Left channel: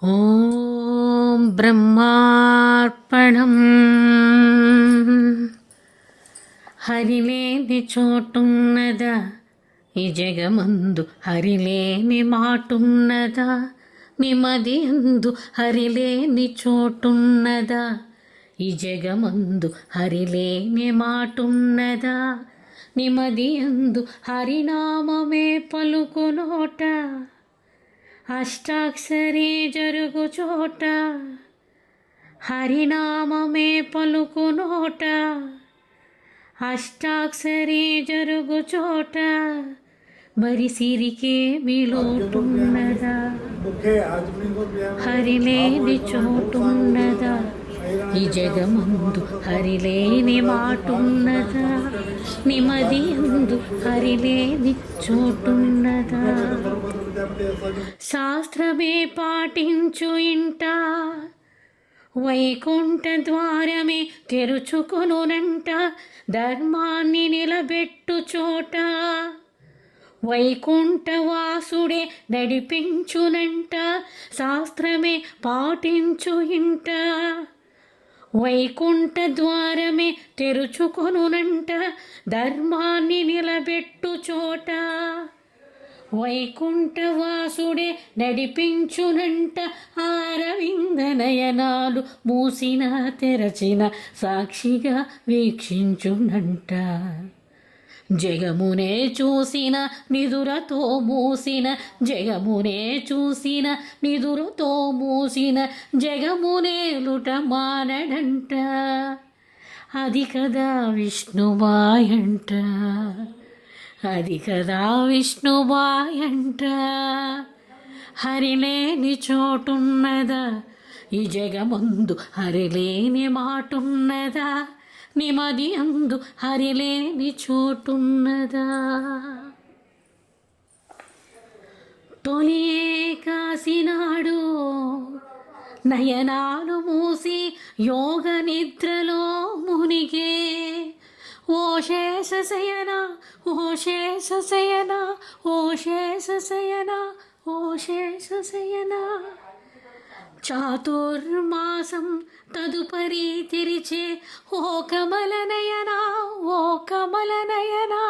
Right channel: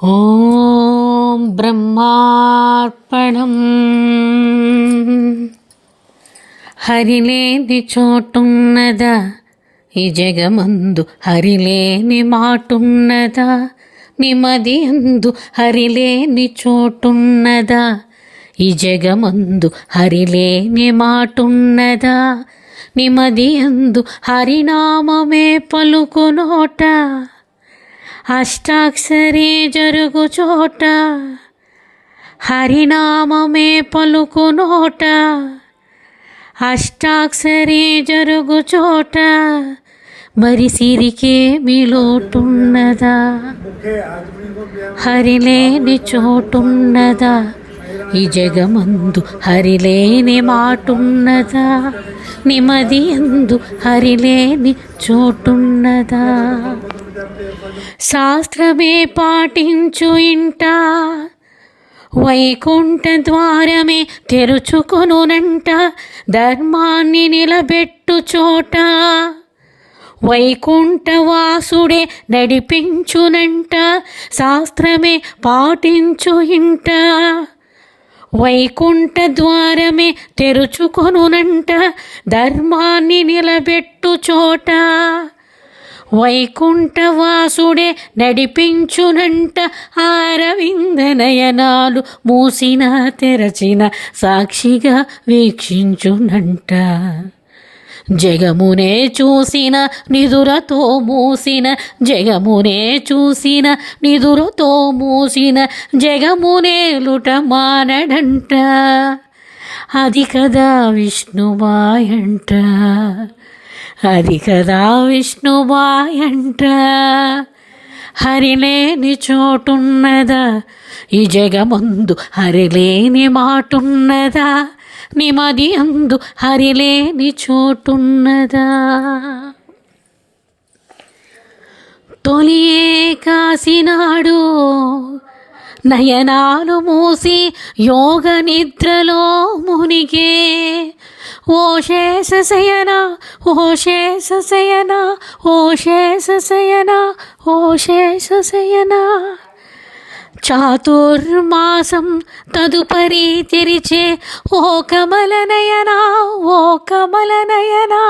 ఓం బ్రహ్మార్పణం. హరిలేని చోటున్నదా ఈ జగమందు, హరిలేని మాటున్నదా నిమది అందు, హరిలేని చోటున్నదా ఈ జగమందు, హరిలేని మాటున్నదా నిమది అందు, హరినామమే పలుకునోట అష్టాక్షరి జరుగు చోట, హరినామమే పలుకునోట అష్టాక్షరి జరుగు చోట, మరి సిరికే మిలోటున్నదా హరిలేని చోటున్నదా ఈ జగమందు, హరిలేని మాటున్నదా నిమది అందు, హరిలేని చోటున్నదా. శాస్త్రమే పాటించు ఇంట వైకుంఠ ద్వారమే తెరుచుకొనునంట, ధర్మాన్ని నిలబెట్టు చోట వైకుంఠవాసుడే నడిపించునంట. శాస్త్రమే పాటించు ఇంట వైకుంఠ ద్వారమే తెరుచుకొనునంట, ధర్మాన్ని నిలబెట్టు చోట వైకుంఠవాసుడే నడిపించునంట. అరవింద నయనాలు మూసిన తెరచిన సాక్షిగా వీక్షించునంట. జగమునే చూసిన నిదురతో మూసిన, జగమునే చూసిన నిదురతో మూసిన, జగమునేలుట మానడంట. అది కదా విష్ణుమాయంట, అది కదా విష్ణుమాయంట. హరిలేని చోటున్నదా ఈ జగమందు, హరిలేని మాటున్నదా నిమది అందు, హరిలేని చోటున్నదా. తొలి ఏకాశినాడు నయనాలు మూసి యోగ నిద్రలో మునిగే, ఓ శేషశయన ఓ శేషశయన ఓ శేషశయన ఓ శేషశయన. చాతుర్మాసం తదుపరి తెరిచే ఓ కమలనయనా ఓ కమలనయనా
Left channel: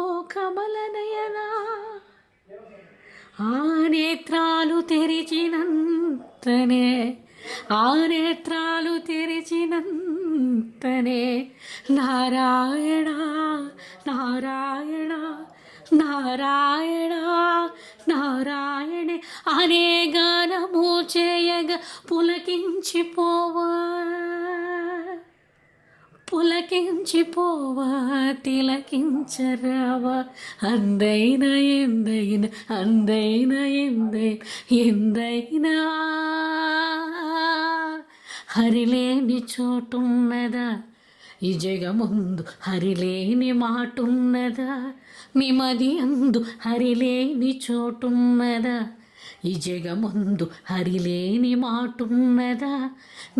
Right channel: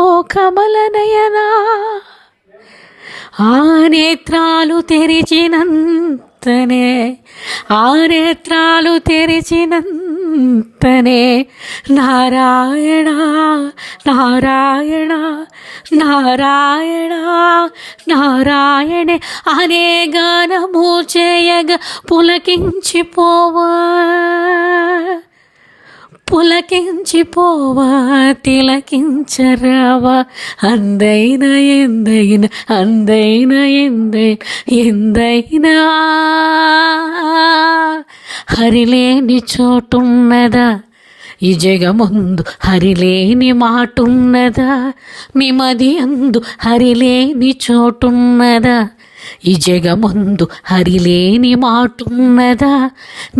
ఓ కమలనయనా. ఆ నేత్రాలు తెరిచినంతనే, ఆ నేత్రాలు తెరిచినంతనే నారాయణ నారాయణ నారాయణ నారాయణే అనే గానము చేయగా పులకించిపోవా పులకించిపోవా తిలకించరావా. అందైన ఎందైన అందైన ఎందైనా హరిలేని చోటున్నదా ఈ జగమందు, హరిలేని మాటున్నదా నిమది అందు, హరిలేని చోటున్నదా ఈ జగమందు, హరిలేని మాటున్నదా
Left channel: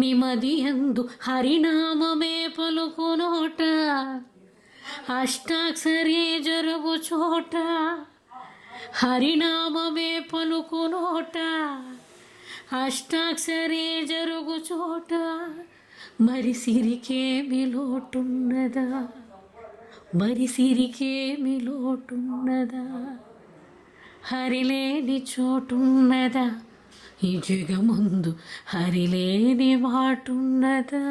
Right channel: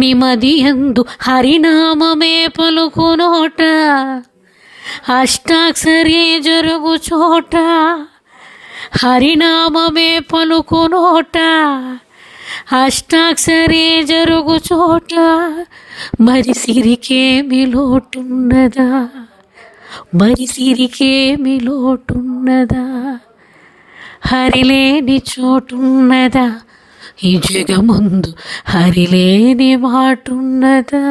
నిమది అందు, హరినామమే పలుకునోట అష్టాక్షరి జరుగు చోట, హరినామమే పలుకునోట అష్టాక్షరి జరుగు చోట, మరి సిరికేమి లోటున్నదా మరి సిరికేమి లోటున్నదా. హరిలేని చోటున్నదా ఈ జగమందు, హరిలేని మాటున్నదా.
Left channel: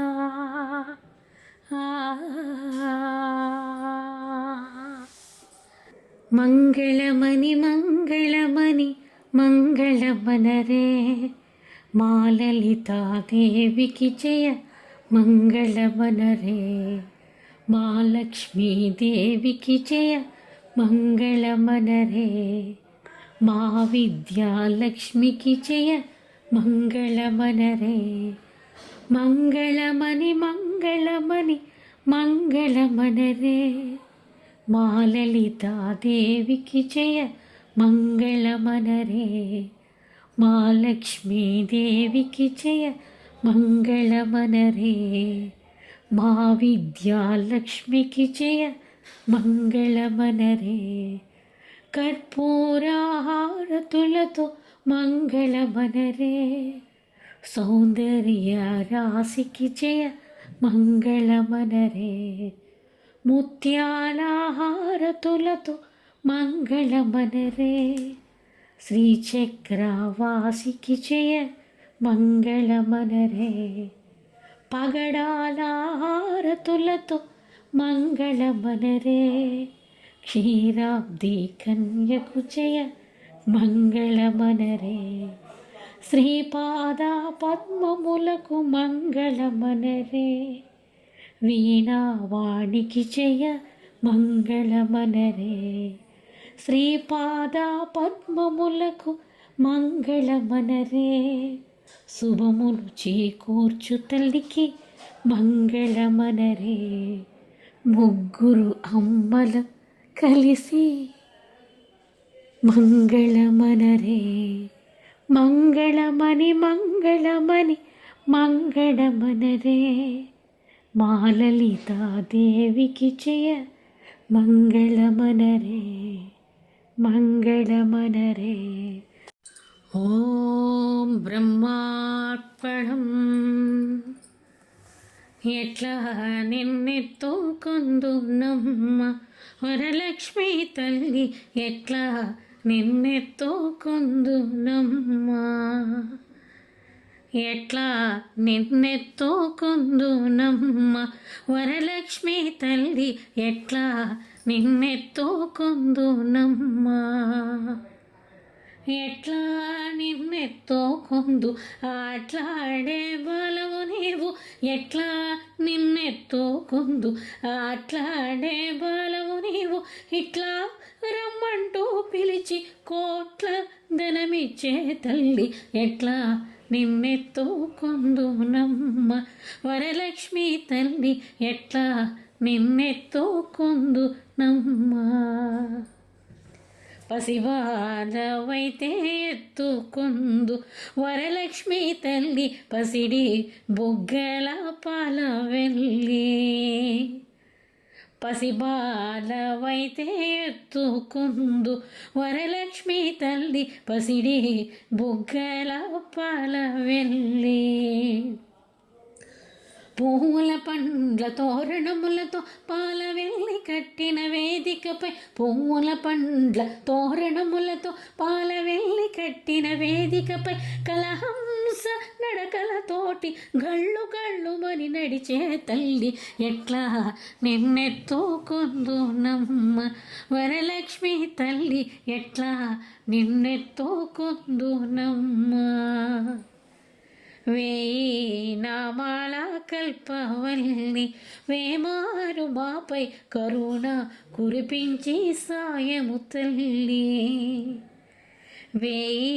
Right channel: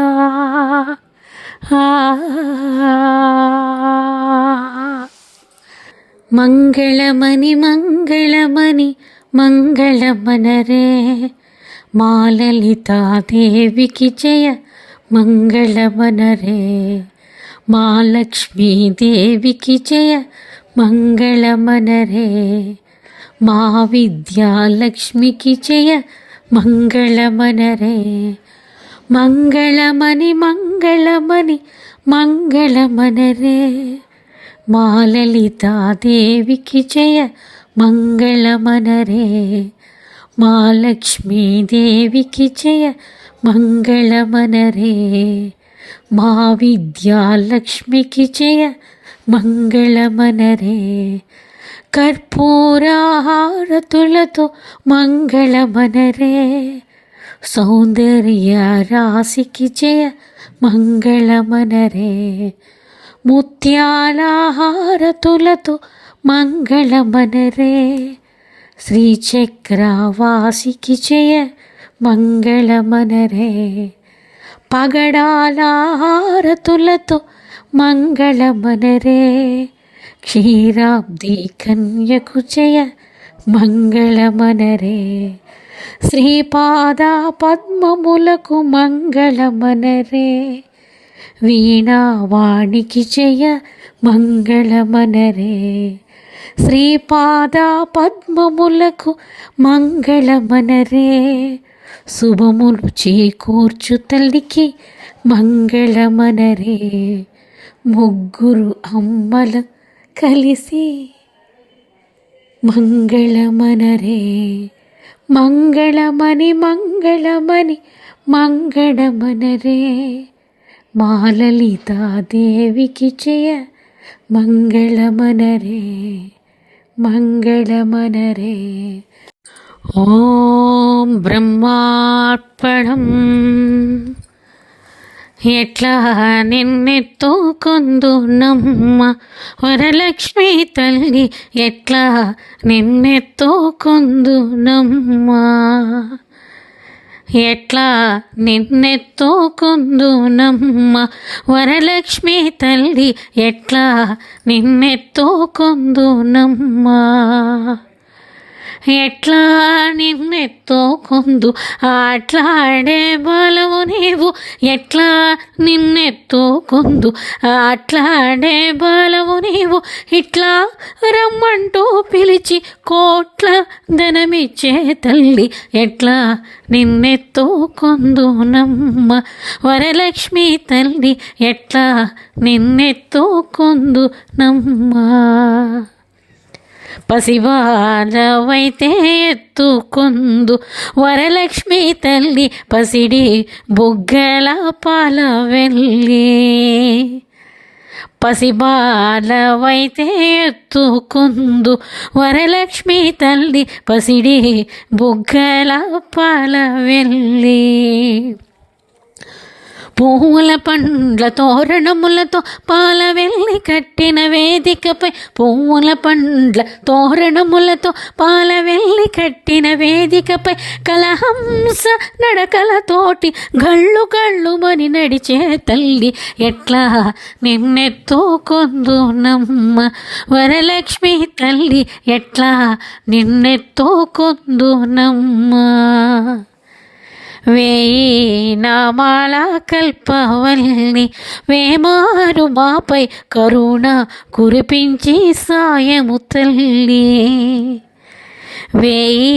మంగళమని మంగళమని మంగళమనరే, మా లలితాదేవికి జయ మంగళమనరే, మా లక్ష్మీదేవికి జయ మంగళమనరే, మా విద్యాలక్ష్మికి జయ మంగళమనరే. మంగళమని మంగళమని మంగళమనరే, మా లలితాదేవికి జయ మంగళమనరే, మా లక్ష్మీదేవికి జయ మంగళమనరే, మా విద్యాలక్ష్మికి జయ మంగళమనరే. కర్పూరహారతులతో మంగళమనరే, సౌందర్య రాశికి జయ మంగళమనరే. ముత్యాల హారతులతో మంగళమనరే, శ్రీచక్రవాసికి జయ మంగళమనరే. పగడాల హారతులతో మంగళమనరే, క్షీరాబ్ది కన్యకు జయ మంగళమనరే. శ్రీపాద పద్మములకు మంగళమనరే, వీణావాణికి జయ మంగళమనరే. శ్రీపాద పద్మములకు మంగళమనరే, శుభములు చేకూర్చు తల్లికి మంగళమనరే. ముగ్గురు అమ్మల కలిసి మంగళమనరే. మంగళమని మంగళమని మంగళమనరే, మాలలితాదేవికి జయ మంగళమనరే. మంగళమనరే. ఓం బ్రహ్మార్పణం. ఎట్లా నిన్నెత్తుకొందునమ్మ వరలక్ష్మి తల్లి, ఎట్లా నిన్నెత్తుకొందునమ్మ, ఎట్లా నిన్నెత్తుకొందునమ్మ వరలక్ష్మి తల్లి, ఎట్లా నిన్నెత్తుకొందునమ్మ. ఎట్లా నిన్నెత్తుకొందు ఆట్లాడే బలవు నీవు, ఎట్లా నిన్నెత్తుకొందు ఆట్లాడే బలవు నీవు. ఇట్లా రమ్మంటూ పిలిచి కోట్ల ధనమిచ్చే తల్లి, ఎట్లా నిన్నెత్తుకొందునమ్మ వరలక్ష్మి తల్లి, ఎట్లా నిన్నెత్తుకొందునమ్మ. పసివారవైతే ఎత్తుకొందు వరలక్ష్మి తల్లి, పసిడి బుగ్గల పాల వెళ్ళి. పసిబాలవైతే ఎత్తుకొందు వరలక్ష్మి తల్లి, పసిడి బుగ్గల పాల వెళ్ళి. పూల పండ్ల తోరణములతో పాల వెళ్ళి కట్టిన వేదికపై, పూల పండ్ల తోరణములతో పాల వెళ్ళి కట్టిన వేదికపై, కలహంస నడకలతోటి గళ్ళు గళ్ళుమని నడిచే తల్లి, ఎట్లా నిన్నెత్తుకొందునమ్మ వరలక్ష్మి తల్లి, ఎట్లా నిన్నెత్తుకొందునమ్మ. వేయి నామాల కల్పవల్లి, వేమారు మాపై కరుణ కురిపించి సాయము తల్లి. వేయి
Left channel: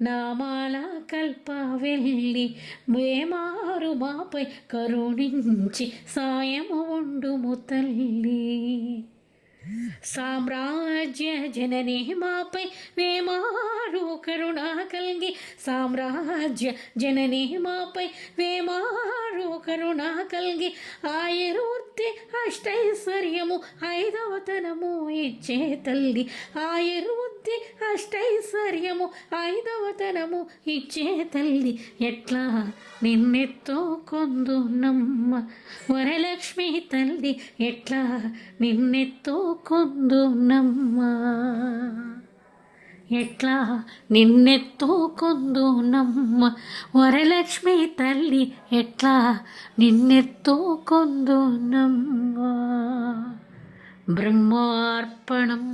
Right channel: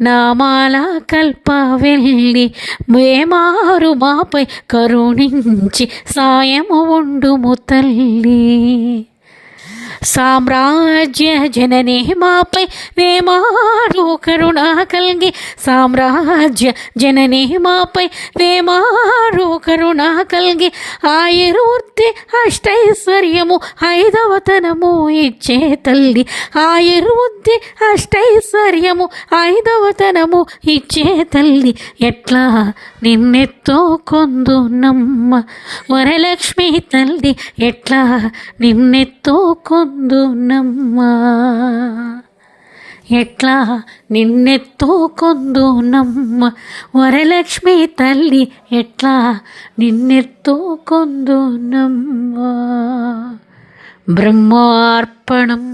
నామాల కల్పవల్లి, వేమారు మాపై కరుణించి సాయము ఉండుము తల్లి. సామ్రాజ్య జనని మాపై వేమారు కరుణ కల్గి, సామ్రాజ్య జనని మాపై వేమారు కరుణ కల్గి. ఆయుర్వృద్ధి అష్టైశ్వర్యము ఐదవతనము ఇచ్చే తల్లి, ఆయుర్వృద్ధి అష్టైశ్వర్యము ఐదవతనము ఇచ్చే తల్లి, ఎట్లా నిన్నెత్తుకొందునమ్మ వరలక్ష్మి తల్లి, ఎట్లా నిన్నెత్తుకొందునమ్మ, ఎట్లా నిన్నెత్తుకొందునమ్మ వరలక్ష్మి తల్లి, ఎట్లా నిన్నెత్తుకొందునమ్మ. బ్రహ్మార్పణం.